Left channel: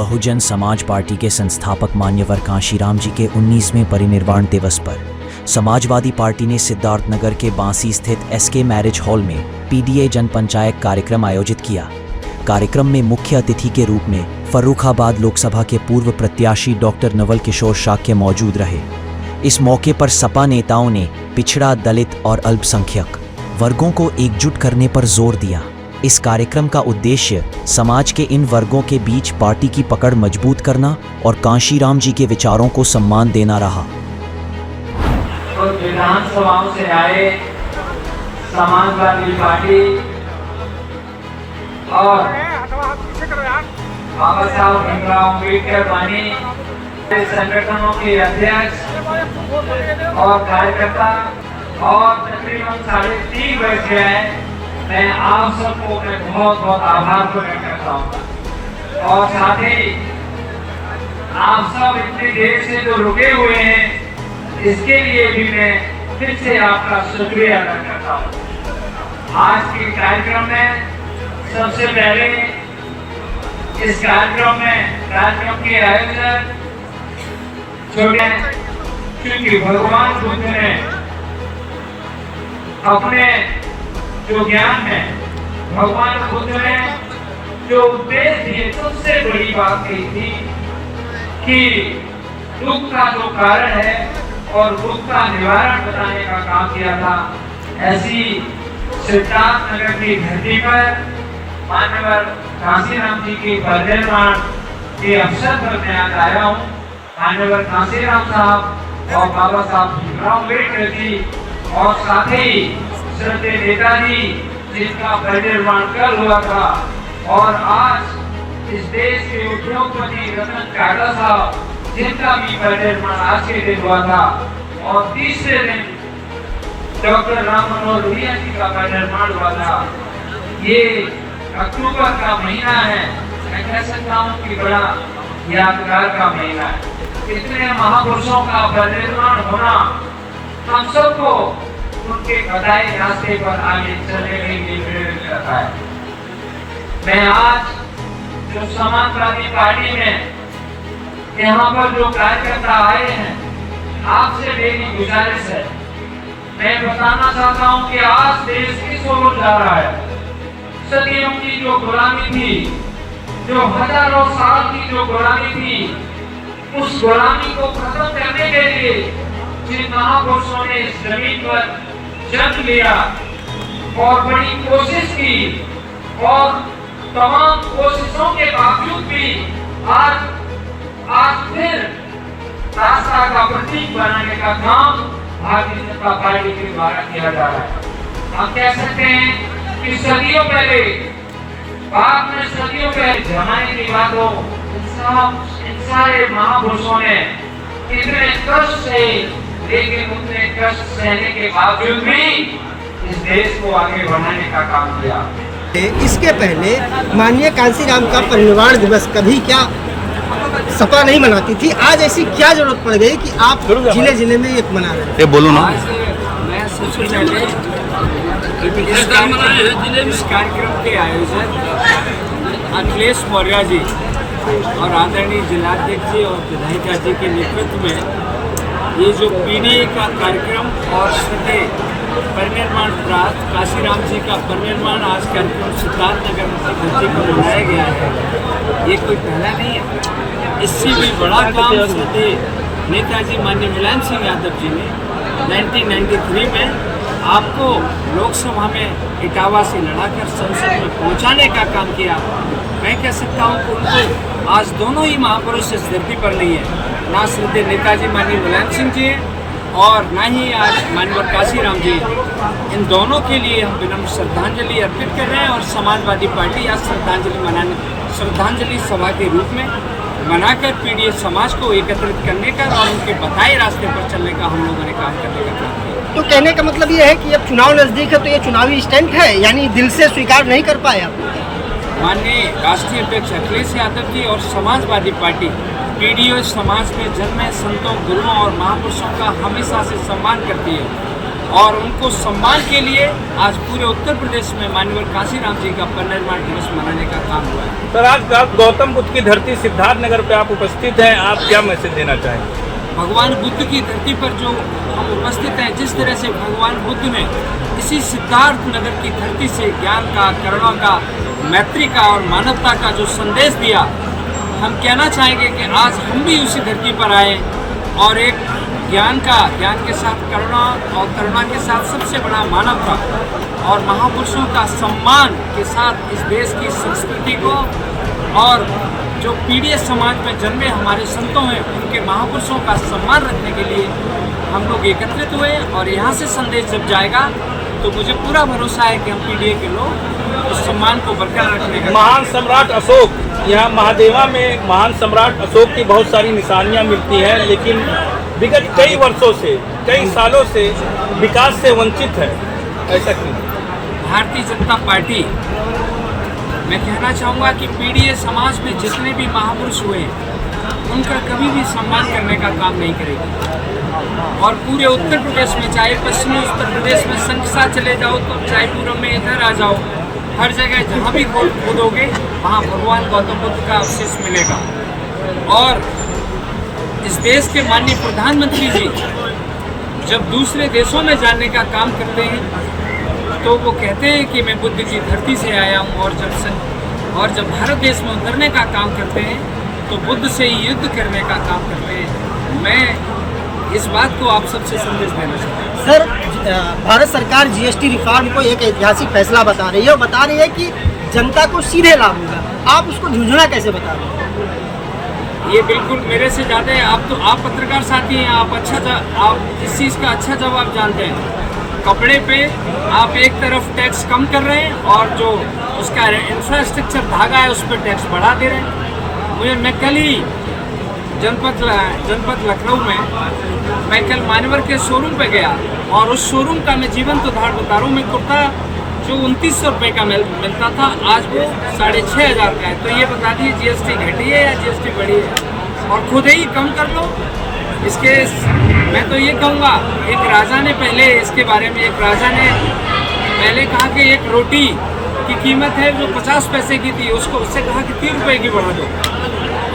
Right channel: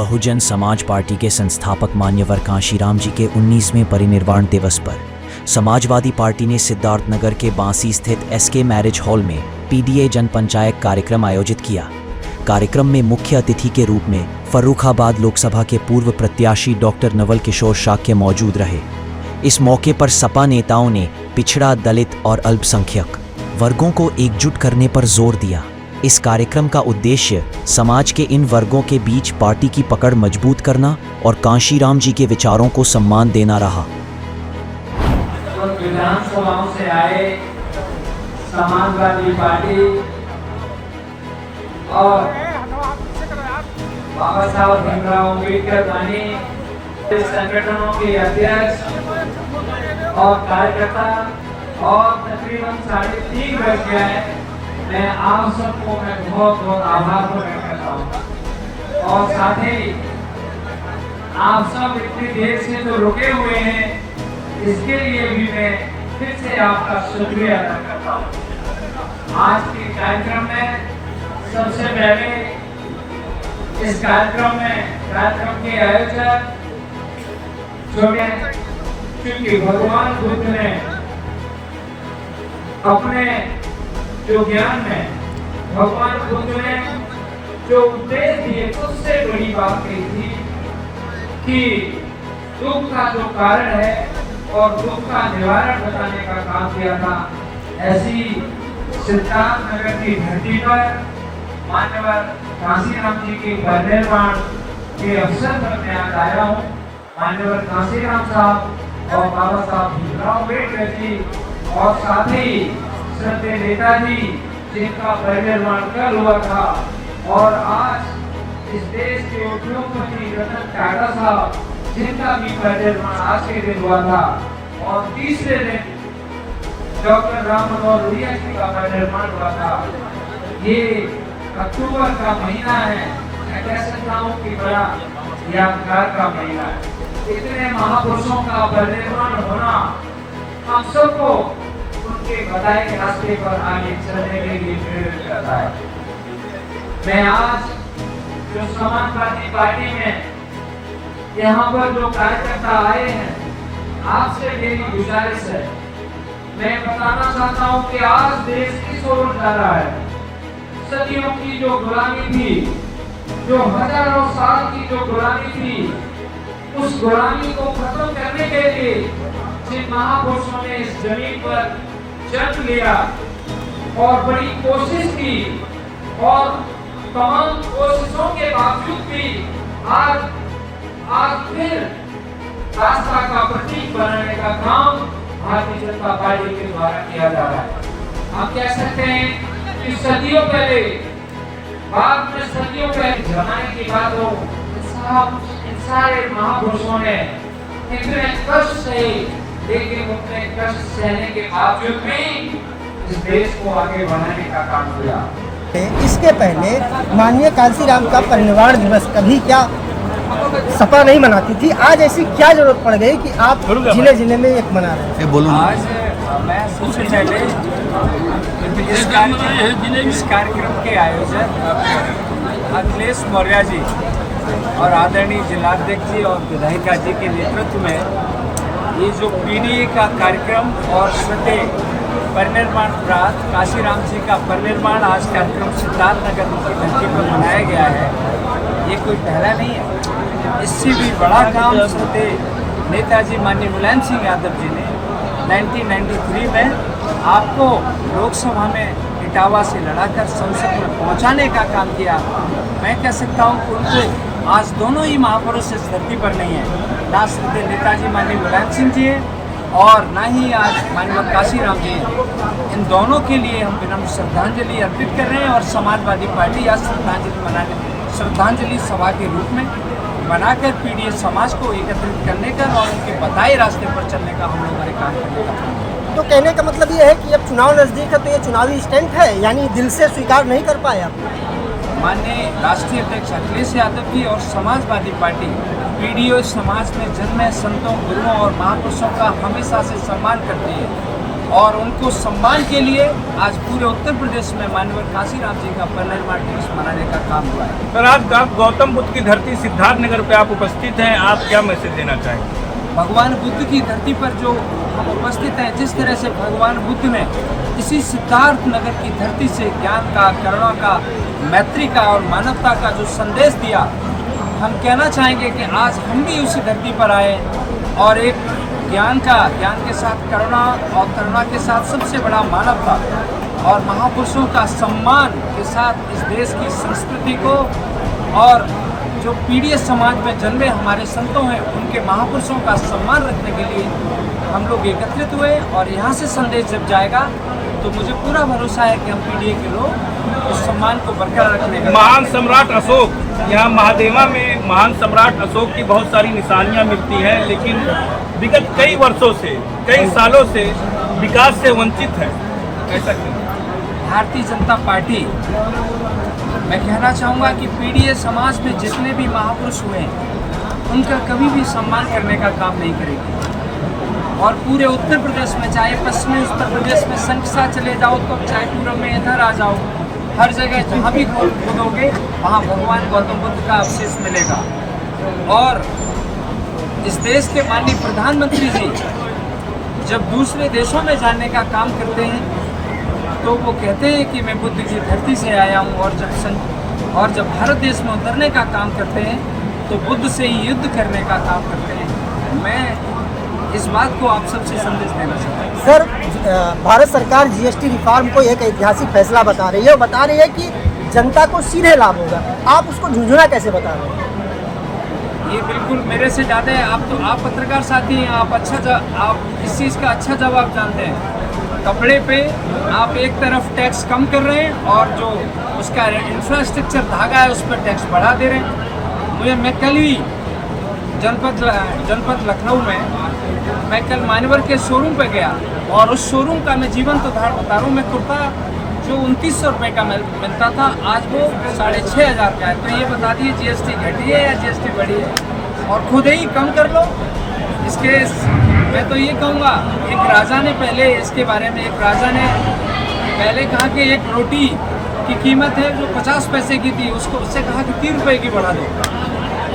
Bahujan Samaj party के संस्थापक मान्यवर कांशीराम जी के 19वें परिनिर्वाण दिवस पर समाजवादी पार्टी ने सिद्धार्थनगर के बांसी स्थित एसके मैरिज हॉल में पीडीए जन पंचायत कार्यक्रम आयोजित किया। कार्यक्रम में मुख्य अतिथि के रूप में फर्रुखाबाद लोकसभा के पूर्व प्रत्याशी डॉक्टर नवल किशोर शाक्य मौजूद रहे। इस मौके पर सपा नेताओं ने पिछड़ा, दलित और अल्पसंख्यक वर्गों को एकजुट करने पर जोर दिया। इस कार्यक्रम का उद्देश्य समाज के इन वर्गों के बीच पार्टी की पकड़ मजबूत करना और कांशीराम जी के विचारों को सम्मान देना रहा। विधानसभाओं से आए समाजवादी पार्टी और बाबा साहब भीमराव अम्बेडकर बने संगठनों के अध्यक्ष और कार्यकर्ता और तकरीबन 3.5 वर्ष है। मैं आप सबको बहुत बहुत आभार प्रकट करता हूँ और साथ ही आप सब इतनी देर से जो रुके हुए हैं इसके लिए भी मैं फिर से आपका शुक्रिया अदा करता हूँ। आज के कार्यक्रम में सबसे पहले इस कार्यक्रम के आयोजक छोटे, क्योंकि भगवान बुद्ध ने अपने जो ज्ञान में भगवान बुद्ध ने जो उपदेश दिए सबसे बड़ी बात कही थी कि दुख का जो कारण है और दुख का निवारण बताने का काम किया था। ऐसी सिद्धार्थनगर की धरती पर मान्यवर कांशीराम जी की परिनिर्वाण के अवसर पर मैं आज आया हूँ। मान्यवर कांशीराम साहब और बाबा साहब भीमराव अम्बेडकर जी और साथ ही श्रद्धेय नेताजी जिनका परिनिर्वाण कल हुआ था और आज इस देश के उद्योगपति रतन टाटा साहब जिनका भी परिनिर्वाण आज के दिन हुआ था और तीसरे दिन डॉक्टर राम मनोहर लोहिया जी का परिनिर्वाण हुआ था। ये अक्टूबर का महीना है, मैं कह सकता हूँ कि बड़ा यादगार का महीना है। इतने महापुरुषों का परिनिर्वाण होना हम सबको उनके बताए रास्ते पर आगे चलने के लिए प्रेरित करता है। मैं आज जो समाजवादी पार्टी में यहाँ पर जो कार्यकर्ता आए हैं, आपसे मेरी गुजारिश है, मैं बताना चाहता हूँ कि आज देश किस ओर जा रहा है। सदियों की जो गुलामी थी, जो हजारों साल की जो गुलामी थी, उस गुलामी को खत्म करने के लिए जिन महापुरुषों ने इस जमीन पर जन्म लिया और बड़ी कोशिश की और तमाम कोशिशों के बावजूद भी आज फिर रास्ता का प्रतीक बनाने का काम भारतीय जनता पार्टी के द्वारा किया जा रहा है। हम कह सकते हैं कि सदियों पहले, बाद में सदियों पहले जमाने की बात हो, इन सारे महापुरुषों ने इतने कष्ट से, लेकिन उतने कष्ट सहने के बावजूद भी इस देश को आगे बढ़ाने का काम किया। इसके पहले माननीय कांशीराम का परिनिर्वाण दिवस कभी क्या सपा नहीं मनाती थी, आज ऐसी क्या जरूरत पड़ गई कि आप जिले जिले में एक मना रहे हैं? बोलो ना। आज मैं सबसे पहले इस कार्यक्रम के आयोजक अखिलेश मौर्य जी और आदरणीय जिलाध्यक्ष जी और विधायिका जी के नेतृत्व में ये जो पीडीए का कार्यक्रम और श्रद्धेय परिनिर्वाण प्राप्त कांशीराम जी का परिनिर्वाण आज कार्यक्रम सिद्धार्थनगर की धरती पर मनाया गया है, ये कोई पहला नहीं है। इससे भी बड़ा काम श्रद्धेय नेताजी माननीय मुलायम सिंह यादव जी ने 1993 में आपको लोकसभा में इटावा से लड़ाकर संसद में पहुंचाने का काम किया। मैं कह सकता हूं कि उनको आज दोनों ही महापुरुष इस धरती पर नहीं है, ना श्रद्धेय नेताजी माननीय मुलायम सिंह जी और ना ही आज माननीय कांशीराम जी हैं। इन दोनों के लिए हम विनम्र श्रद्धांजलि अर्पित कर रहे हैं और समाजवादी पार्टी आज श्रद्धांजलि सभा के रूप में बनाकर पीडीए समाज को एकत्रित करने का और उनके बताए रास्ते पर चलने का हम लोगों ने काम करने का काम किया। तो कहने का मतलब ये है कि अब चुनाव नजदीक है तो ये चुनावी स्टंट है, यानी दिल से स्वीकार नहीं कर पाए आप? माननीय राष्ट्रीय अध्यक्ष अखिलेश यादव जी और समाजवादी पार्टी पीडीए समाज में जन्मे संतों, गुरुओं और महापुरुषों का हमेशा से सम्मान करती है और उनको सम्मान के लिए आज पूरे उत्तर प्रदेश में माननीय काशीराम जी का परिनिर्वाण दिवस मनाने का काम हुआ है। पर आज गौतम बुद्ध की धरती सिद्धार्थनगर पे आप उपस्थित हैं, आप क्या मैसेज देना चाहेंगे? भगवान बुद्ध की धरती पर जो हम उपस्थित हैं, जिस तरह से भगवान बुद्ध ने इसी सिद्धार्थ नगर की धरती से ज्ञान का, करुणा का, मैत्री का और मानवता का जो संदेश दिया, हम कहना चाहेंगे कि आज हम भी उसी धरती पर आए और एक ज्ञान के साथ करुणा और करुणा के साथ सबसे बड़ा मानवता और महापुरुषों का सम्मान के साथ इस देश की संस्कृति को और जो पीढ़ी समाज में जन्मे हमारे संतों हैं उनके महापुरुषों का सम्मान रखने के लिए हम लोग एकत्रित हुए और यहाँ से संदेश जब जाएगा तो मुझे पूरा भरोसा है कि हम पीढ़ी के लोग उस सम्मान को बरकरार रखने का। महान सम्राट अशोक, यहाँ महादेवा में महान सम्राट अशोक की बहुत सारी निशानियाँ मिलती हैं, लेकिन विगत कई वर्षों से, कई सालों से विकास से वंचित है, ऐसा क्यों? भारतीय जनता पार्टी, मैं कहना चाहूँगा कि पीढ़ी समाज में जितने भी महापुरुष हुए हैं उनका कभी भी सम्मान करने का काम नहीं करेगी। और पूरे उत्तर प्रदेश में, चाहे पश्चिमी उत्तर प्रदेश में संख्या चले जाओ तो चाहे पूर्व में इधर आ जाओ, हर जगह जहाँ भी खोदोगे वहाँ भगवान गौतम बुद्ध का अवशेष मिलेगा। और इस देश के माननीय प्रधानमंत्री जी जब दूसरे देशों में जाने का काम करते हैं तो वो कहते हैं कि मैं बुद्ध की धरती से आया हूँ, और जब भारत देश में उतरने का काम करते हैं तो बुद्ध से ही युद्ध करने का काम करते हैं। मैं इस बात को आप सबसे संदेश देना चाहता हूँ। सर, भारत सरकार जीएसटी रिफॉर्म को एक ऐतिहासिक फैसला बता रही है और बता रही है कि जनता को सीधे लाभ होगा, आप उसको झुंझुना कैसे बता रहे हैं? ये बिल्कुल मेरे से ज़्यादा है। आप पत्रकार साथी हैं, आप इस चीज़ का अच्छा जवाब जानते हैं। कपड़े पे आप एक तरफ टैक्स कम कर रहे हैं और जो उसका इंफ्रास्ट्रक्चर धागा है उस पर टैक्स बढ़ा दे रहे हैं। मैं कल ही जनपद लखनऊ में मैं कल मान्यवर के शोरूम पे गया और उस शोरूम का मैं जीवंत उदाहरण बता रहा हूँ। मैं कुर्ता जो 2900 रुपये का मिलता था आज वो 6500 का है। तो ये बता दीजिए जीएसटी घटी है या जीएसटी बढ़ी है? और खुद ही कम कर लो। इसके मैं तो ये कहूँगा, एक राजा ने पहले इसके बारे में पहले कहा कि एक रोटी की कीमत है जो 50 पैसे की थी, उससे कहा कि 3 रुपये की बढ़ा दो।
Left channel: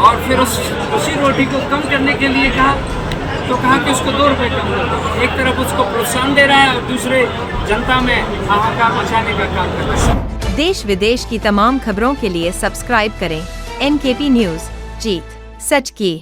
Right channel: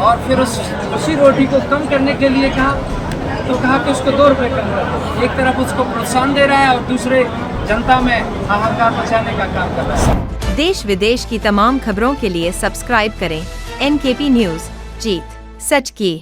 और फिर उसी रोटी को कम करने के लिए कहा कि उसको 2 रुपये कम कर दो। एक तरफ उसको प्रोत्साहन दे रहा है और दूसरे जनता में हाहाकार मचाने का काम कर रहा है। देश विदेश की तमाम खबरों के लिए सब्सक्राइब करें NKP न्यूज़। जीत सच की।